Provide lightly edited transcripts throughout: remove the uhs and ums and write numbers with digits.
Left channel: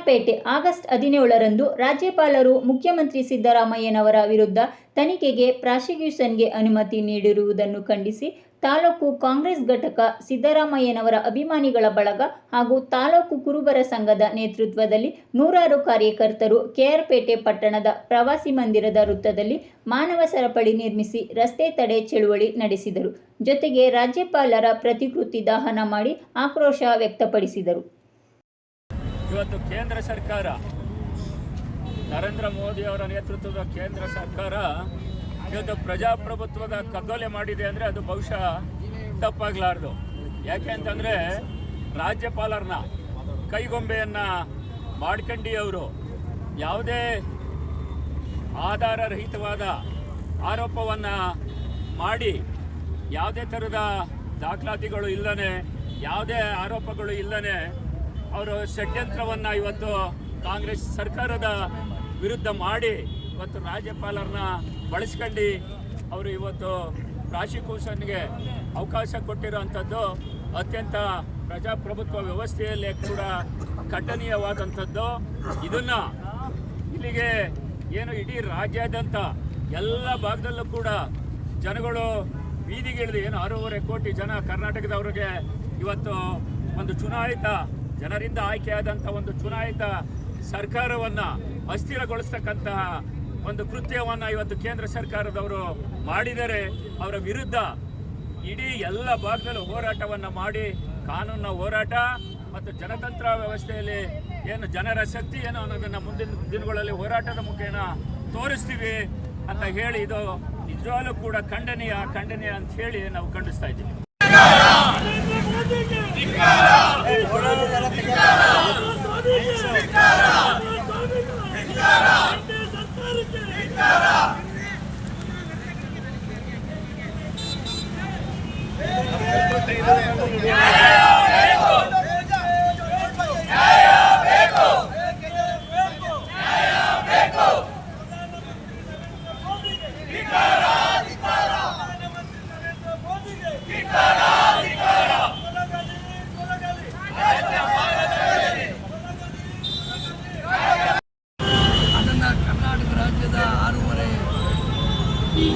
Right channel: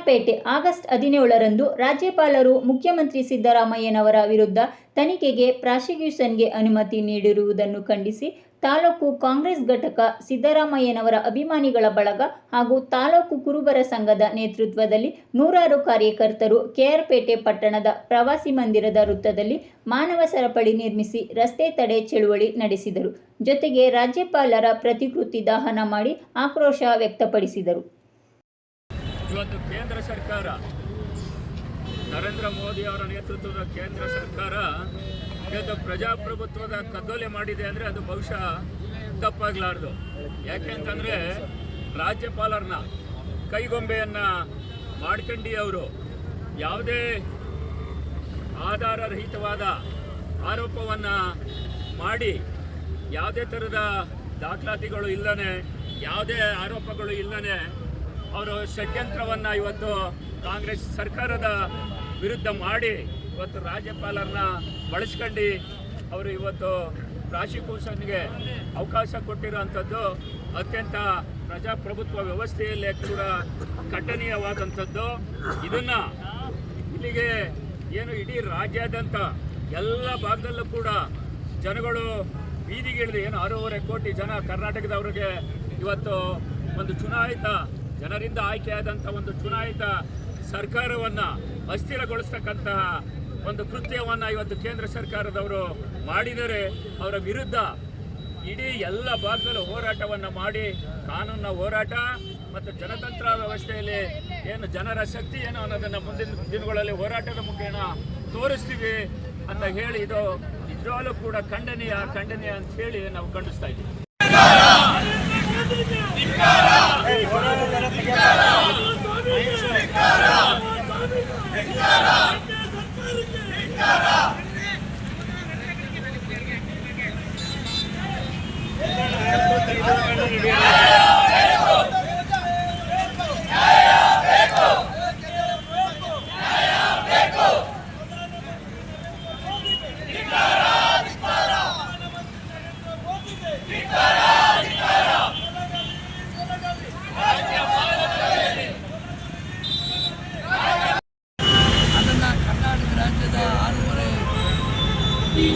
KR Pete August 17ರಂದು ರಾಜ್ಯಪಾಲರು ಮುಖ್ಯಮಂತ್ರಿ ಸಿದ್ದರಾಮಯ್ಯನವರ ವಿರುದ್ಧ ತನಿಖೆಗೆ ಪ್ರಾಸಿಕ್ಯೂಷನ್ಗೆ ಅನುಮತಿ ನೀಡಿರುವುದನ್ನು ಖಂಡಿಸಿ ತಾಲೂಕು ಕಾಂಗ್ರೆಸ್ ಘಟಕ, ಸಿದ್ದರಾಮಯ್ಯನವರ ಅಭಿಮಾನಿಗಳ ಬಳಗ ಹಾಗೂ ತಾಲೂಕು ಕುರುಬರ ಸಂಘದ ನೇತೃತ್ವದಲ್ಲಿ ನೂರಾರು ಕಾರ್ಯಕರ್ತರು ಕೆಆರ್ಪೇಟೆ ಪಟ್ಟಣದ ಪ್ರವಾಸಿ ಮಂದಿರದ ವೃತ್ತದಲ್ಲಿ ಮಾನವ ಸರಪಳಿ ನಿರ್ಮಿಸಿ ರಸ್ತೆ ತಡೆ ಚಳುವಳಿ ನಡೆಸಿದರು. ಜೊತೆಗೆ ರಾಜ್ಯಪಾಲರ ಪ್ರತಿಕೃತಿ ದಹನ ಮಾಡಿ ಆಕ್ರೋಶ ವ್ಯಕ್ತಪಡಿಸಿದರು. ಇವತ್ತು ಕೇಂದ್ರ ಸರ್ಕಾರ, ನರೇಂದ್ರ ಮೋದಿ ಅವರ ನೇತೃತ್ವದ ಕೇಂದ್ರ ಸರ್ಕಾರ ಇವತ್ತು ಪ್ರಜಾಪ್ರಭುತ್ವದ ಕಗ್ಗೊಲೆ ಮಾಡಿದೆ ಅಂದರೆ ಅದು ಬಹುಶಃ ತಪ್ಪಾಗಲಾರ್ದು. ಯಾಕೆ ಅಂತಂದರೆ ರಾಜ್ಯಪಾಲರನ್ನ ಕೈಗೊಂಬೆಯನ್ನು ಮಾಡ್ಕಂಡು ಅವರು ಯಾವುದೇ ಆಧಾರರಹಿತವಾದ ಆರೋಪವನ್ನು ಮಾಡಿ ಯಾವುದೇ ಥರದ ದಾಖಲಾತಿಗಳು ಇಲ್ಲದೆ, ಯಾವುದೇ ಆರೋಪಗಳು ಇಲ್ಲದೆ ಅವರು ಷಡ್ಯಂತ್ರವನ್ನು ಇವತ್ತು ಕಾಂಗ್ರೆಸ್ ಸರ್ಕಾರದ ವಿರುದ್ಧ ಮಾಡಿ ಇವತ್ತು ರಾಜ್ಯಪಾಲರನ್ನ ಬಳಸ್ಕೊಂಡು ಅವರು ಇವತ್ತು ಪ್ರಾಸಿಕ್ಯೂಷನ್ಗೆ ಅವಕಾಶ ಕೊಟ್ಟಿರುವಂಥದ್ದು ಅತ್ಯಂತ ಪ್ರಜಾಪ್ರಭುತ್ವ ವ್ಯವಸ್ಥೆಯಲ್ಲೇ ಕೂಡ ಖಂಡನೀಯವಾದಂಥದ್ದು. ಇದನ್ನು ಇಲ್ಲಿಗೆ ಏನು ಇಡೀ ರಾಜ್ಯಾದ್ಯಂತ ಎಲ್ಲ ಭಾಗದಲ್ಲೂ ಕೂಡ ಜನಗಳು ಬೀದಿಗಿಳಿದು ಏನು 6.5 ಕೋಟಿ ಜನ ಕರ್ನಾಟಕದವರಿಗೆ ಇವತ್ತು ಒಂದು ಚುನಾಯಿತ ಜನರಿಂದ ಆಯ್ಕೆಯಾದಂಥ ಒಂದು ಚುನಾಯಿತ ಸರ್ಕಾರವನ್ನು ಅಸ್ಥಿರಗೊಳಿಸ್ತಕ್ಕಂತಹ ಒಂದು ಕೃತ್ಯವನ್ನು ಇವತ್ತು ಕೇಂದ್ರ ಸರ್ಕಾರದವರು ಮಾಡಿದರೆ ಅವರ ವಿರುದ್ಧ ಇಡೀ ಎಲ್ಲ ಭಾಗದಲ್ಲೂ ಹೋರಾಟವನ್ನು ಮಾಡಿ ಕಾನೂನಿನ ಹೋರಾಟ ಮತ್ತು ಜನತಂತ್ರ ವ್ಯವಸ್ಥೆಯಲ್ಲಿ ಏನು ಜನರ ಶಕ್ತಿ ಏನು ಅನ್ನೋದನ್ನು ಮುಂದಿನ ದಿನಗಳಲ್ಲಿ ಹೋರಾಟದ ಮುಖೇನ ತೋರಿಸ್ತೀವಿ ಅಂತ ಹೇಳಿ ಇದು ನಿಜವಾಗ್ಲೂ ಕೂಡ ಖಂಡನೀಯ ಅಂತ ಹೇಳಿ ನಾವು ಖಂಡಿಸ್ತಾ ಇದ್ದೀವಿ.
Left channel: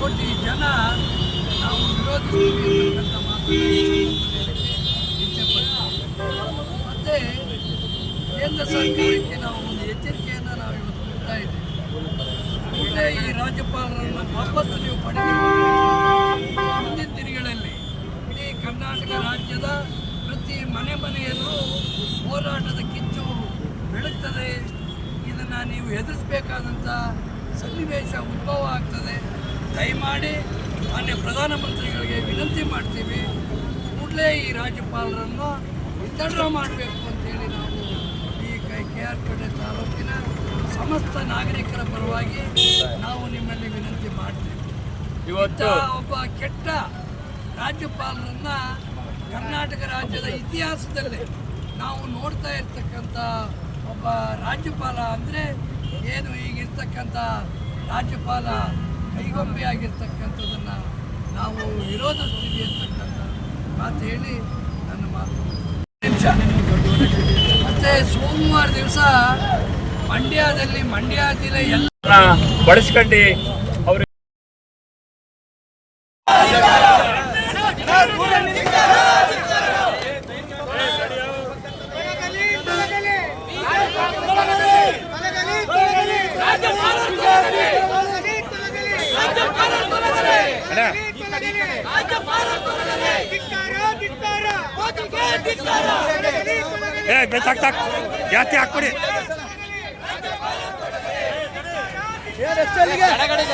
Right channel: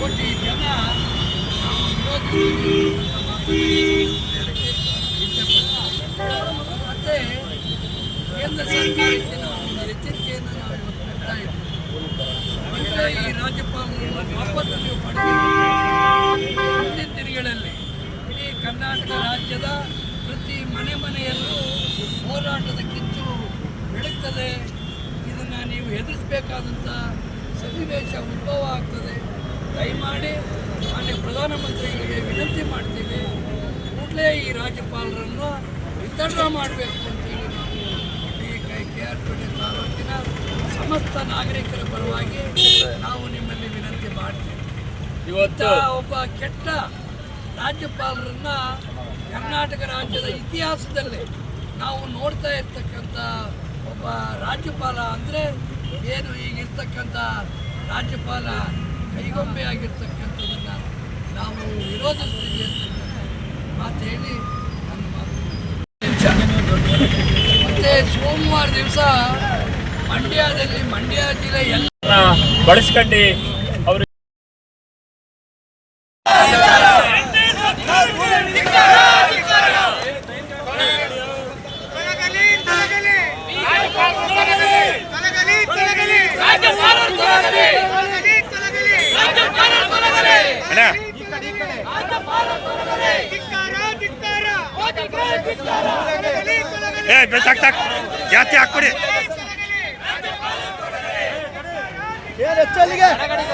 ಕೋಟಿ ಜನ ನಾವು ವಿರೋಧಿಸ್ತೀವಿ ಮತ್ತು ಕೇಂದ್ರ ಸರ್ಕಾರಕ್ಕೆ ನಾವು ಒಂದು ಎಚ್ಚರಿಕೆಯನ್ನು ನಾವು ಇವತ್ತು ಕೊಡ್ತಾ ಇದ್ದೀವಿ. ಈ ರಾಜ್ಯಪಾಲರನ್ನು ವಾಪಸ್ಸು ನೀವು ಪಡೆದಿದ್ದೀವಿ. ಮುಂದಿನ ದಿನಗಳಲ್ಲಿ ಇಡೀ ಕರ್ನಾಟಕ ರಾಜ್ಯದ ಪ್ರತಿ ಮನೆಯಲ್ಲೂ ಹೋರಾಟದ ಕಿಚ್ಚು ಬೆಳಗ್ತದೆ. ಇದನ್ನು ನೀವು ಎದುರಿಸಬೇಕಾದಂಥ ಸನ್ನಿವೇಶ ಉದ್ಭವ ಆಗ್ತದೆ. ದಯಮಾಡಿ ಮಾನ್ಯ ಪ್ರಧಾನಮಂತ್ರಿಗಳಿಗೆ ವಿನಂತಿ ಮಾಡ್ತೀವಿ, ಕೂಡಲೇ ಈ ರಾಜ್ಯಪಾಲರನ್ನು ವಿತರಣೆ ಮಾಡಬೇಕು ಅಂತೇಳಿ ನಾವು ಈ ಕೆಆರ್ಪೇಟೆ ತಾಲೂಕಿನ ಸಮಸ್ತ ನಾಗರಿಕರ ಪರವಾಗಿ ನಾವು ನಿಮ್ಮಲ್ಲಿ ವಿನಂತಿ ಮಾಡ್ತೀವಿ. ಇವತ್ತು ಒಬ್ಬ ಕೆಟ್ಟ ರಾಜ್ಯಪಾಲರನ್ನ ಕರ್ನಾಟಕ ರಾಜ್ಯದ ಇತಿಹಾಸದಲ್ಲಿ ನಾವು ನೋಡ್ತಾ ಇರ್ತಕ್ಕಂಥ ಒಬ್ಬ ರಾಜ್ಯಪಾಲ ಅಂದರೆ ಏನು ಈಗಿರ್ತಕ್ಕಂಥ ರಾಜ್ಯಪಾಲ ಕೈಗೊಂಬೆಯಾಗಿರ್ತಕ್ಕಂಥದ್ದನ್ನು ನಾವು ವಿರೋಧಿಸ್ತೀವಿ ಅಂತಕ್ಕಂಥ ಮಾತು ಹೇಳಿ ನನ್ನ ಮಾತು. ಮತ್ತು ಸೋಮವಾರ ದಿವಸ ಮಂಡ್ಯದಲ್ಲಿ ಮಂಡ್ಯ ಜಿಲ್ಲೆ ಎಲ್ಲ ಬಳಸ್ಕೊಂಡು ಅವರು ಜಾಸ್ತಿ ಹಾಕ್ಬಿಡಿ. ಅಕಡಿ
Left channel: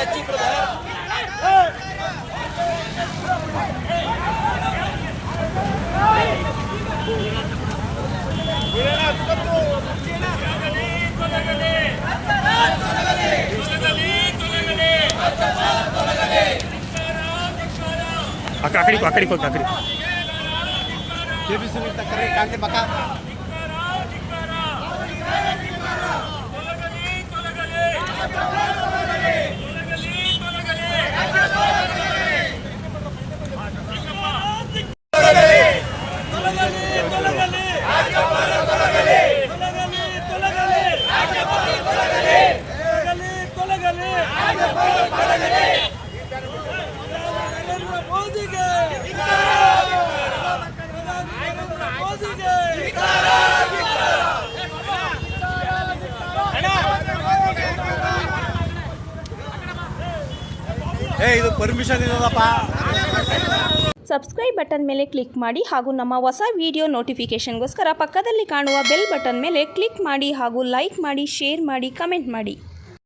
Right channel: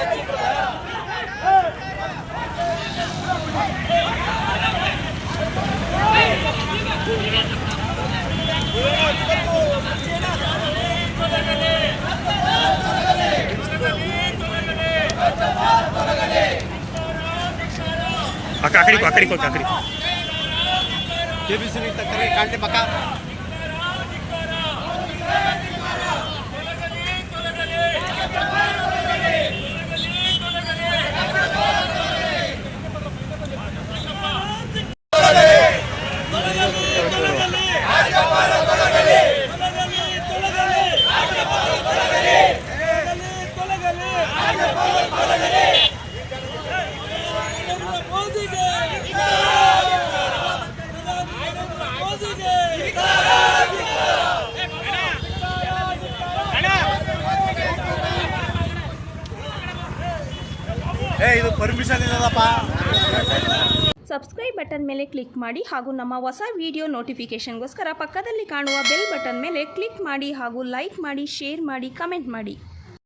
ಪರ್ಮಿಷನ್ ಇರಲ್ಲಪ್ಪ. ಸಬ್ಸ್ಕ್ರೈಬ್ ಬಟನ್ ಮೇಲೆ ಕ್ಲಿಕ್ ಮಾಡಿ ಹಾಗೂ ನಮ್ಮ ಹೊಸ ವಿಡಿಯೋ ನೋಟಿಫಿಕೇಷನ್ಗೋಸ್ಕರ ಪಕ್ಕದಲ್ಲಿ ಕಾಣುವ ಬೆಲ್ ಬಟನ್ ಮೇಲೆ ಕ್ಲಿಕ್ ಮಾಡಿ ಹಾಗೂ ಲೈಕ್ ಮಾಡಿ, ಶೇರ್ ಮಾಡಿ, ಕಮೆಂಟ್ ಮಾಡಿ.